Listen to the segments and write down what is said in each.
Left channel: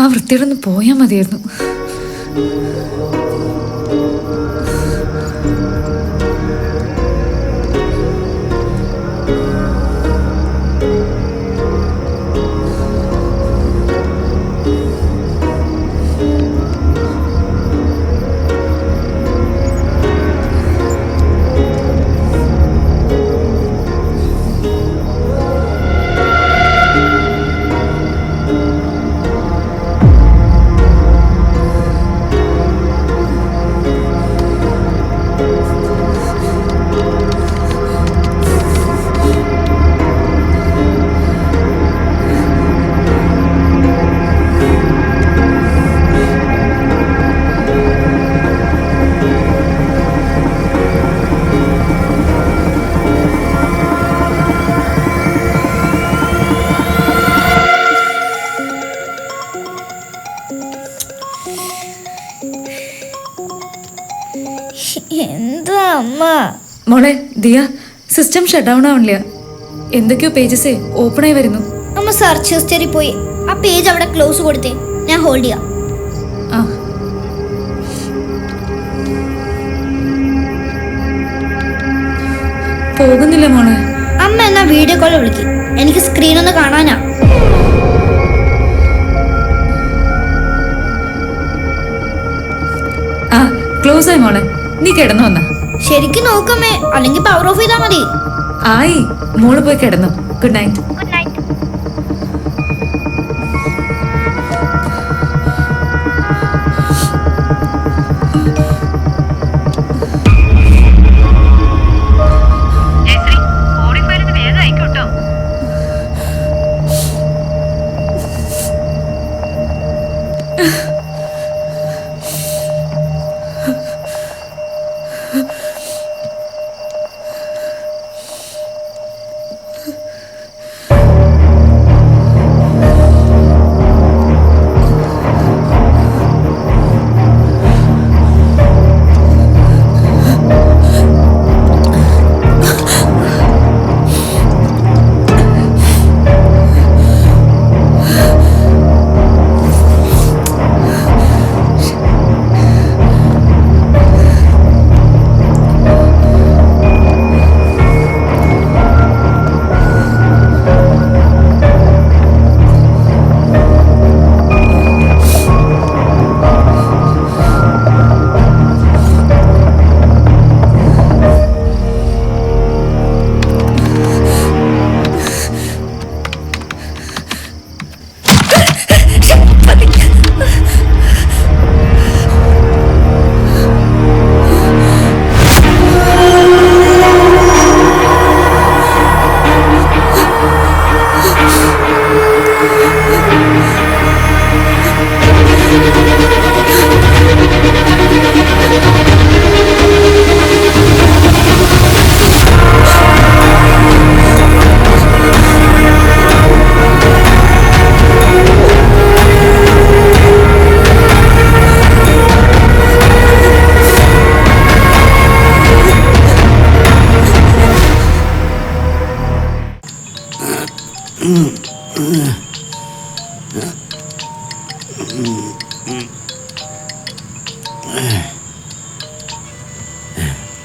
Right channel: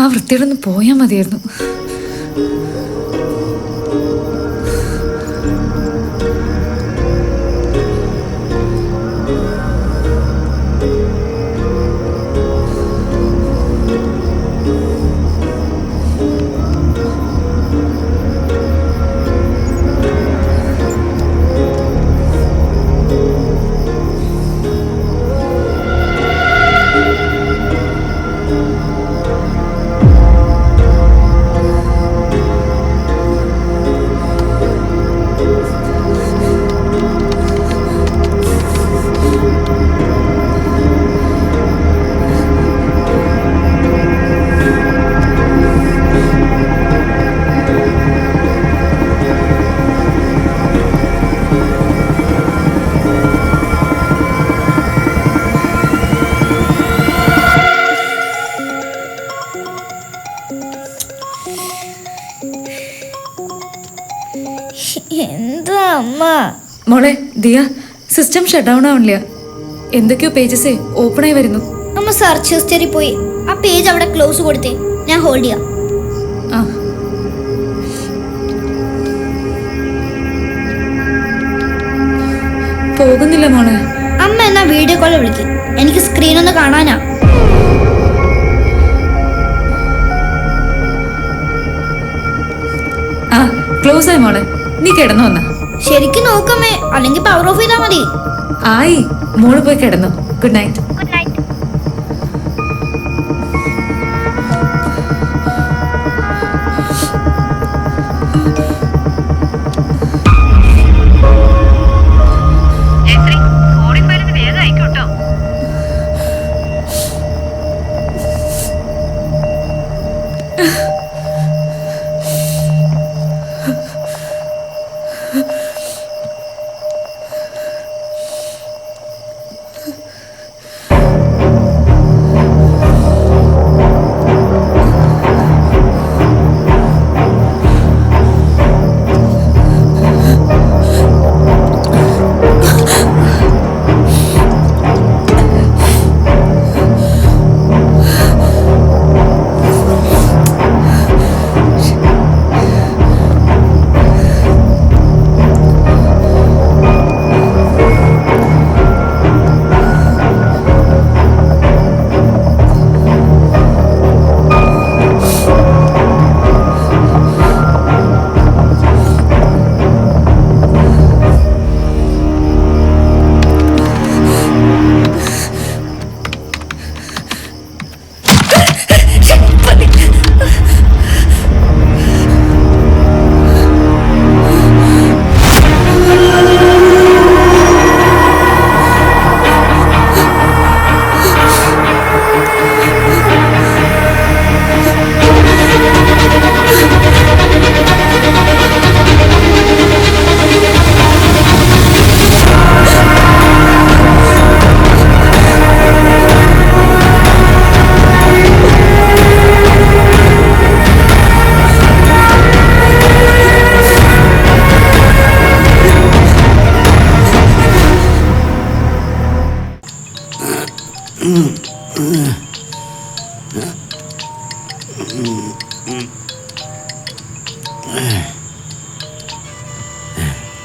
ആ വൃത്തിയോടൊന്ന് പോയാൽ മതിയായിരുന്നു. എന്താ അമ്മ? മോളെ ദിയ, സിസ്റ്റം ഷട്ട് ഡൗൺ ആവണില്ല. എന്തൊക്കെയോ പേജസ് ഓപ്പൺ ആയി വരുന്നു. അമ്മ സെർച്ച് ഹിസ്റ്ററി പോയി ആ പേജ് അവിടെ ക്ലോസ് കൊടുത്തേ, ഞാൻ ഹോൾഡ് ചെയ്യാം. ആ പോകുന്നില്ല മോളെ. അമ്മ എന്നാ വീഡിയോ കോൾ വിളിക്കും, എനിക്ക് സ്ക്രീൻ ഒന്ന് കാണാനാ. ആ ക്ലോസ് ആയി മോളെ, നീ കിടന്നു വന്ന. ശരിക്കും നോക്കമ്മേ, അല്ലെങ്കിൽ പവർ ഓഫ് ചെയ്താ മതി. ആയി, മോള് പോയി കിടന്നു. Good night. Good night.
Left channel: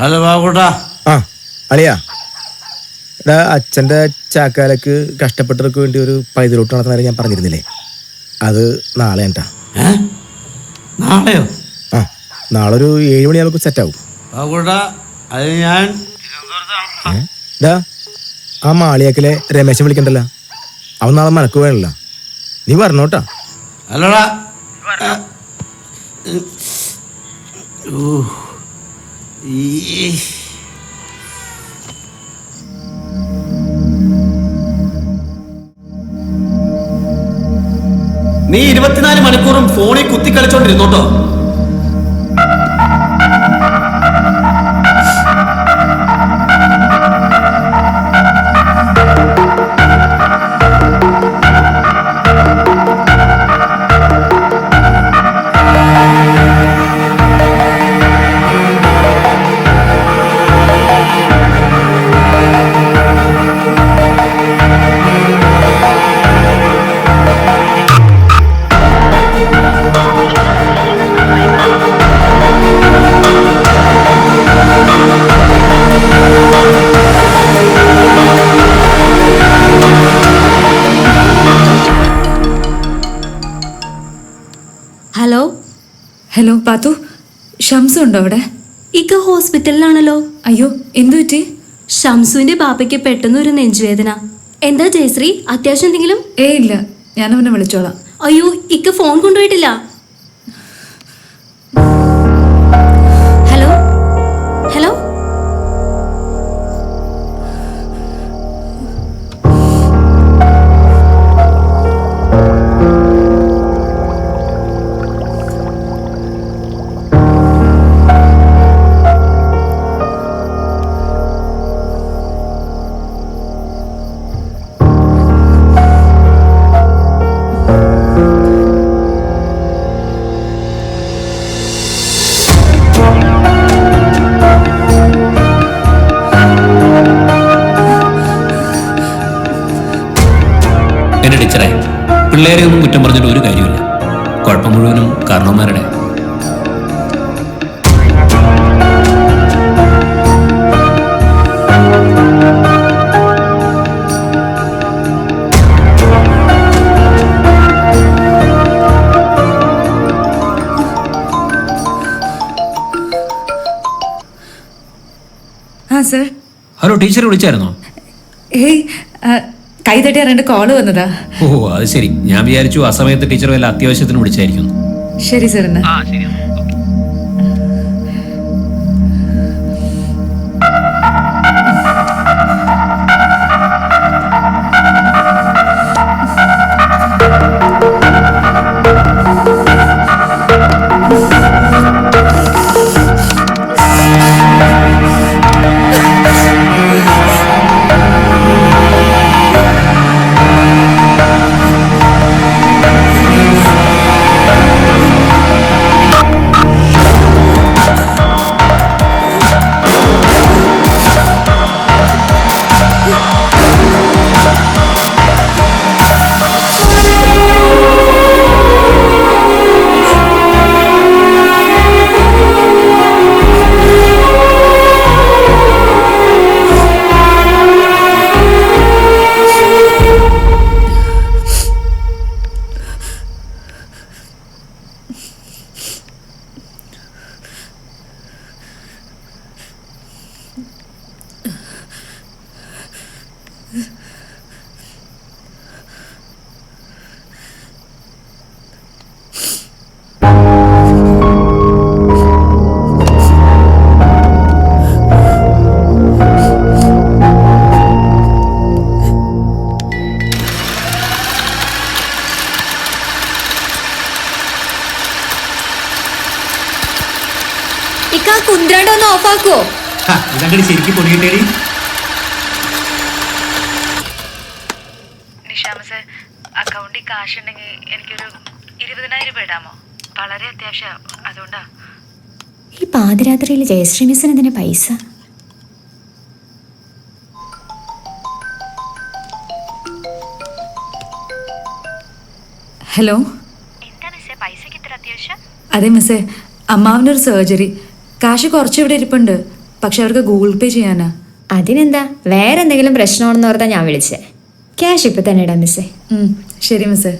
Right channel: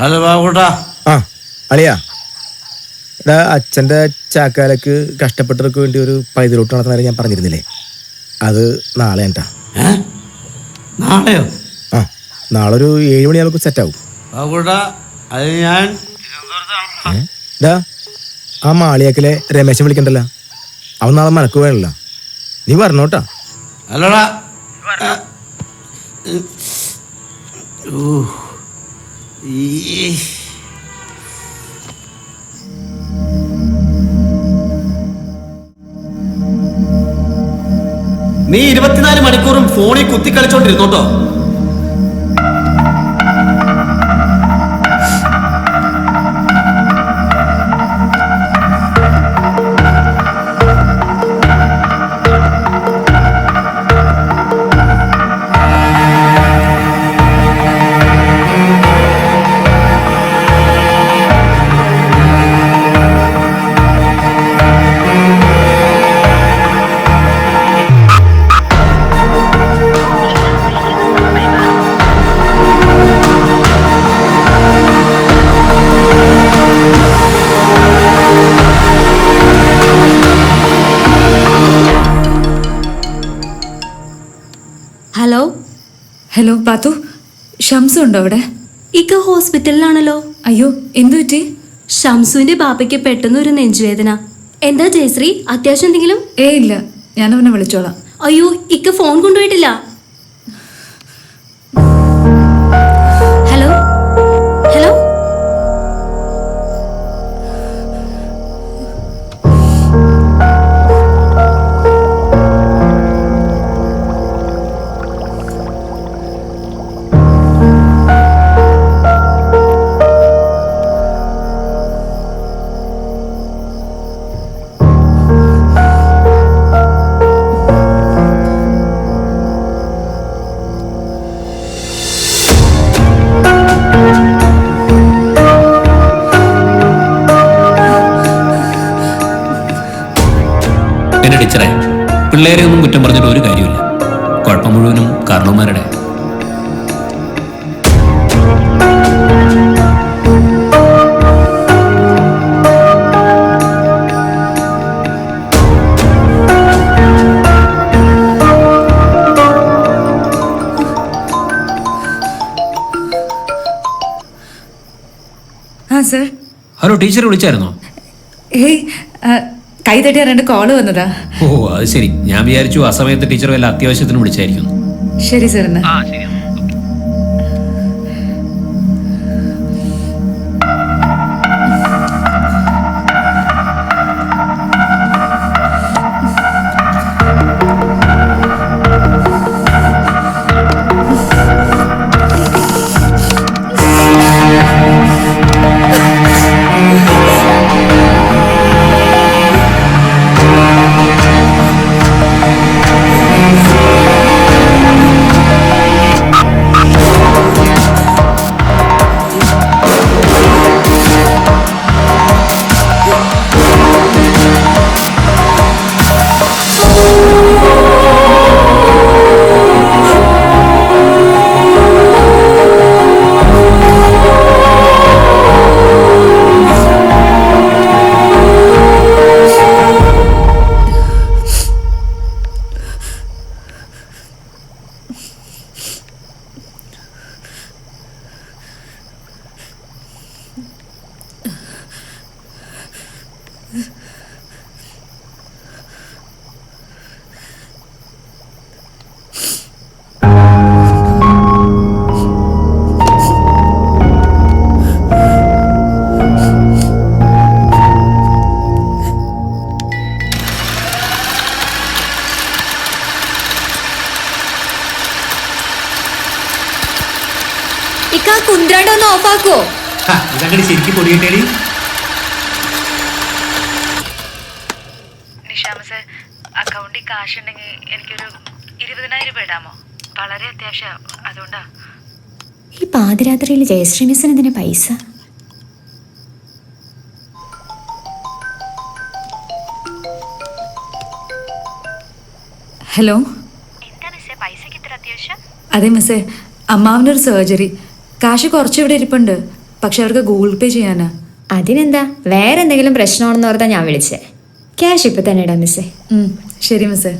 Hello ബാബുട്ടാ. ആ അളിയാ, ഇവിടെ അച്ഛൻ്റെ ചാക്കാലക്ക് കഷ്ടപ്പെട്ടവർക്ക് വേണ്ടി ഒരു പൈതലോട്ട് നടത്തുന്ന ഞാൻ പറഞ്ഞിരുന്നില്ലേ, അത് നാളെ കേട്ടാ. നാളെയോ? ആ നാളെ ഒരു 7 മണിയാകുമ്പോൾ സെറ്റാവും. ബാബുട്ടാ, അത് ഞാൻ ഡാ ആ മാളിയാക്കിലെ രമേശൻ വിളിക്കണ്ടല്ലോ, അവൻ നാളെ മനക്ക് വേണല്ലോ, നീ പറഞ്ഞോട്ടാ. അല്ലടാ, നീ 24 മണിക്കൂറും ഫോണിൽ കുത്തിക്കളിച്ചോണ്ടിരുന്നോട്ടോ. ഹലോ പാത്തു, ഷംസു ഉണ്ടോ അവിടെ? ഇക്ക ഹോസ്പിറ്റലിലാണല്ലോ. അയ്യോ, എന്തു പറ്റി? ഷംസുവിന്റെ ബാപ്പയ്ക്ക് പെട്ടെന്ന് ഒരു നെഞ്ചുവേദന. എന്താ ജയശ്രീ, അത്യാവശ്യം എന്തെങ്കിലും? ഇല്ല, ഞാൻ അവനെ വിളിച്ചോളാം. അയ്യോ, ഇക്ക ഫോൺ കൊണ്ടുപോയിട്ടില്ല. Hello hello. എന്റെ ടീച്ചറെ, പിള്ളേരെ ഒന്നും കുറ്റം പറഞ്ഞിട്ട് ഒരു കാര്യമില്ല. കുഴപ്പം മുഴുവനും കാരണവന്മാരുടെ. ആ സർ. ഹലോ, ടീച്ചറെ വിളിച്ചായിരുന്നോ? ഏയ്, കൈ തട്ടി അറിയേണ്ട കോള് വന്നതാ. ഓ, അത് ശരി. ഞാൻ വിചാരിച്ചു ആ സമയത്ത് ടീച്ചർ വല്ല അത്യാവശ്യത്തിന് വിളിച്ചായിരിക്കുന്നു. ശരി സർ. എന്നാ ഇക്ക കുന്ത്രണ്ട് ഒന്ന് ഓഫാക്കുവോ? ഇതങ്ങനെ ശരിക്കും പൊടിയിട്ടേടി. നിഷാമസേ, അക്കൗണ്ടിൽ കാശ് ഉണ്ടെങ്കിൽ എനിക്കൊരു 20,000 രൂപ ഇടാമോ? വളരെ അത്യാവശ്യം, അതുകൊണ്ടാ. ഈ പാതിരാത്രിയിൽ ജയശ്രീ മിസ്സിന് എന്തിനാ പൈസ? ഹലോ. അതെ മിസ്സേ, അമ്മാവനൊരു സർജറി. കാശ് കുറച്ചിവിടെ ഇരിപ്പുണ്ട്, പക്ഷെ അവർക്ക് ഗൂഗിൾ പേ ചെയ്യാനാ. അതിനെന്താ, വേറെ എന്തെങ്കിലും പ്രശ്നമാണെന്ന് ഓർത്താ ഞാൻ വിളിച്ചേ. ക്യാഷ് ഇപ്പൊ തന്നെ ഇടാം മിസ്സേ. ശരി മിസ്സേ.